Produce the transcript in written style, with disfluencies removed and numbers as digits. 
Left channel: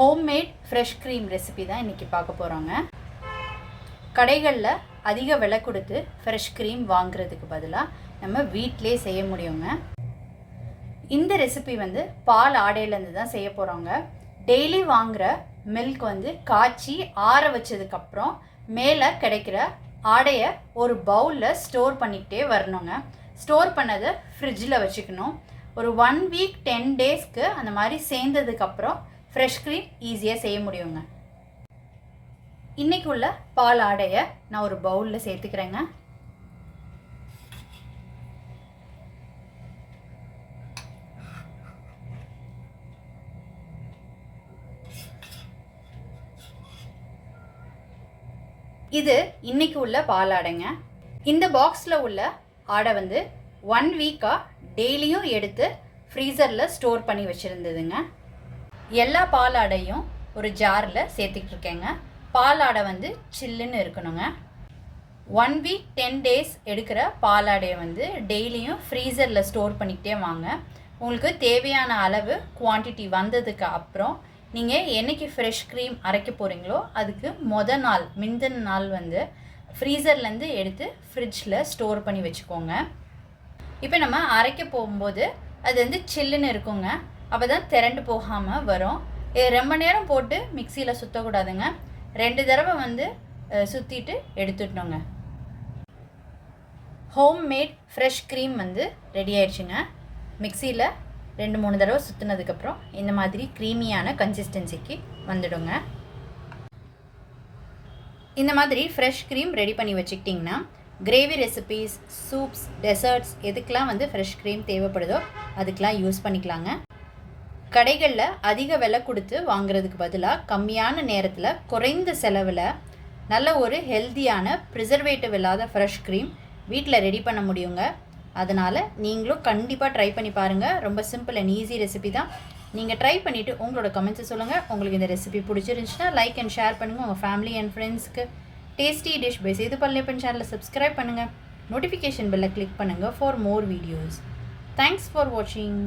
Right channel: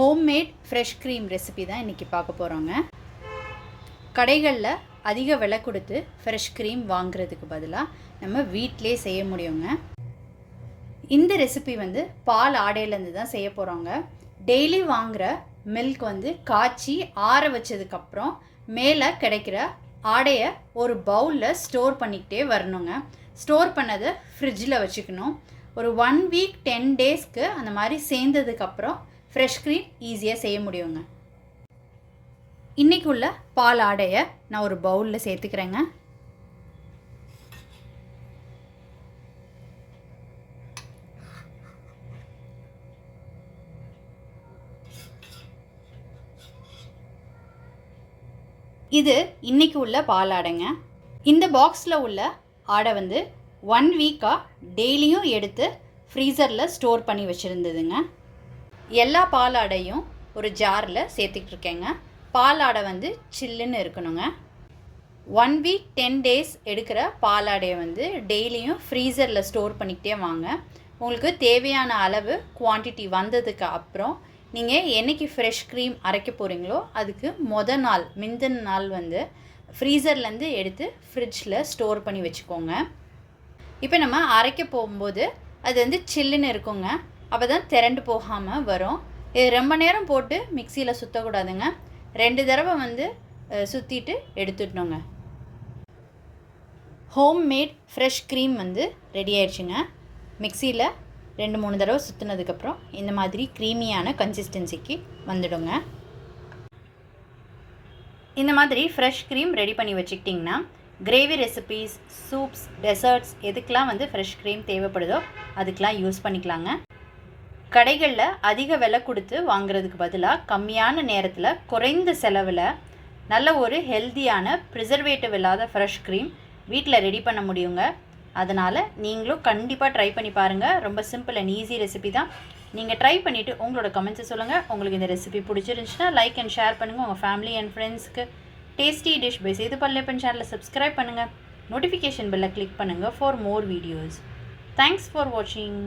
Homemade fresh cream recipe தான் இன்றைக்கி பார்க்க போகிறோங்க. கடைகளில் அதிக விலை கொடுத்து ஃப்ரெஷ் க்ரீம் வாங்குறதுக்கு பதிலாக நம்ம வீட்டிலே செய்ய முடியுங்க. இந்த ரெசிபி பால் ஆடையிலேருந்து தான் செய்ய போகிறோங்க. டெய்லி வாங்குகிற மில்க் காய்ச்சி ஆற வச்சதுக்கப்புறம் மேலே கிடைக்கிற ஆடையை ஒரு பவுலில் ஸ்டோர் பண்ணிக்கிட்டே வரணுங்க. ஸ்டோர் பண்ணதை ஃப்ரிட்ஜில் வச்சுக்கணும். ஒரு 1 வீக் 10 டேஸ்க்கு அந்த மாதிரி சேர்ந்ததுக்கப்புறம் ஃப்ரெஷ் க்ரீம் ஈஸியாக செய்ய முடியுங்க. இன்றைக்கி உள்ள பால் ஆடையை நான் ஒரு பவுலில் சேர்த்துக்கிறேங்க. இது இன்றைக்கி உள்ள பால் ஆடைங்க. இந்த பாக்ஸில் உள்ள ஆடை 1 வீக்காக டெய்லியும் எடுத்து ஃப்ரீசரில் ஸ்டோர் பண்ணி வச்சுருந்ததுங்க. எல்லா பால் ஆடையும் ஒரு ஜாரில் சேர்த்துக்கிட்டு இருக்கேங்க. பால் ஆடை சில்லுன்னு இருக்கணுங்க. 1 வீக் 10 டேஸ் எடுக்கிற பால் ஆடையை டெய்லியும் ஃப்ரீசரில் ஸ்டோர் பண்ணிக்கிட்டே வாங்க. உங்களுக்கு தேவையான அளவு குவான்டிட்டி வந்ததுக்கு அப்புறம் நீங்கள் என்றைக்கு ஃப்ரெஷ் க்ரீம் அரைக்க போகிறீங்களோ அதுக்கு முந்தின நாள் ஃப்ரீசர்லேருந்து எடுத்து ஃப்ரிட்ஜில் ஸ்டோர் பண்ணி வச்சுக்கோங்க. இப்போ நம்ம அரைக்க போகும்போது அது சில்லுன்னு இருக்குங்க. அப்போ தான் திரண்டு போகாமல் வரும். இது ரொம்ப நேரம் போட்டு மிக்சியில் சுற்றக்கூடாதுங்க. 2 தடவை சுற்றிட்டு எடுத்துடணுங்க. ஹோம்மேட் ஃப்ரெஷ் க்ரீம் ரெடி ஆயிடுச்சுங்க. மிக்சியில் 2-3 தடவை சுற்றினதுக்கப்புறம் இந்த மாதிரி க்ரீமியான கன்சிஸ்டன்சிக்கு வந்துடுங்க. இந்த மாதிரி ஃப்ரெஷ் க்ரீம் ரெடி பண்ணி வச்சுக்கிட்டிங்கன்னா கிரேவி ரெசிபீஸ், சூப்ஸ், டெசர்ட்ஸ் எதுக்கெலாம் ஃப்ரெஷ் க்ரீம் தேவைப்படுதோ அதுக்கெலாம் யூஸ் பண்ணிக்கலாங்க. கடைகளில் அதிக விலை கொடுத்து வாங்குறதுக்கு பதிலாக கம்மியான நேரத்தில் குறைந்த செலவில் நல்ல ஒரு ஹெல்த்தியான ப்ரிசர்வேட்டிவ் இல்லாத ஃப்ரெஷ் க்ரீம் வீட்டில் ரெடி பண்ண முடியுங்க. அதனால் நீங்களும் கண்டிப்பாக ட்ரை பண்ணி பாருங்கள். ரொம்ப சிம்பிள் அண்ட் ஈஸி ரெசிபி தான். நீங்கள் ட்ரை பண்ணிவிட்டு உங்களோட கமெண்ட்ஸை சொல்லுங்கள். உங்களுக்கு இந்த ரெசிபி பிடிச்சிருந்துச்சுன்னா லைக் அண்ட் ஷேர் பண்ணுங்கள். உங்கள் ஃபேமிலி அண்ட் ஃப்ரெண்ட்ஸ்க்கு. டேஸ்டி டிஷ் பை சேது பல்லேப்பன் சேனலை சப்ஸ்கிரைப் பண்ணுங்கள். நோட்டிஃபிகேஷன் பெல்லை கிளிக் பண்ணுங்கள் for more videos. Thanks for வாட்சிங்.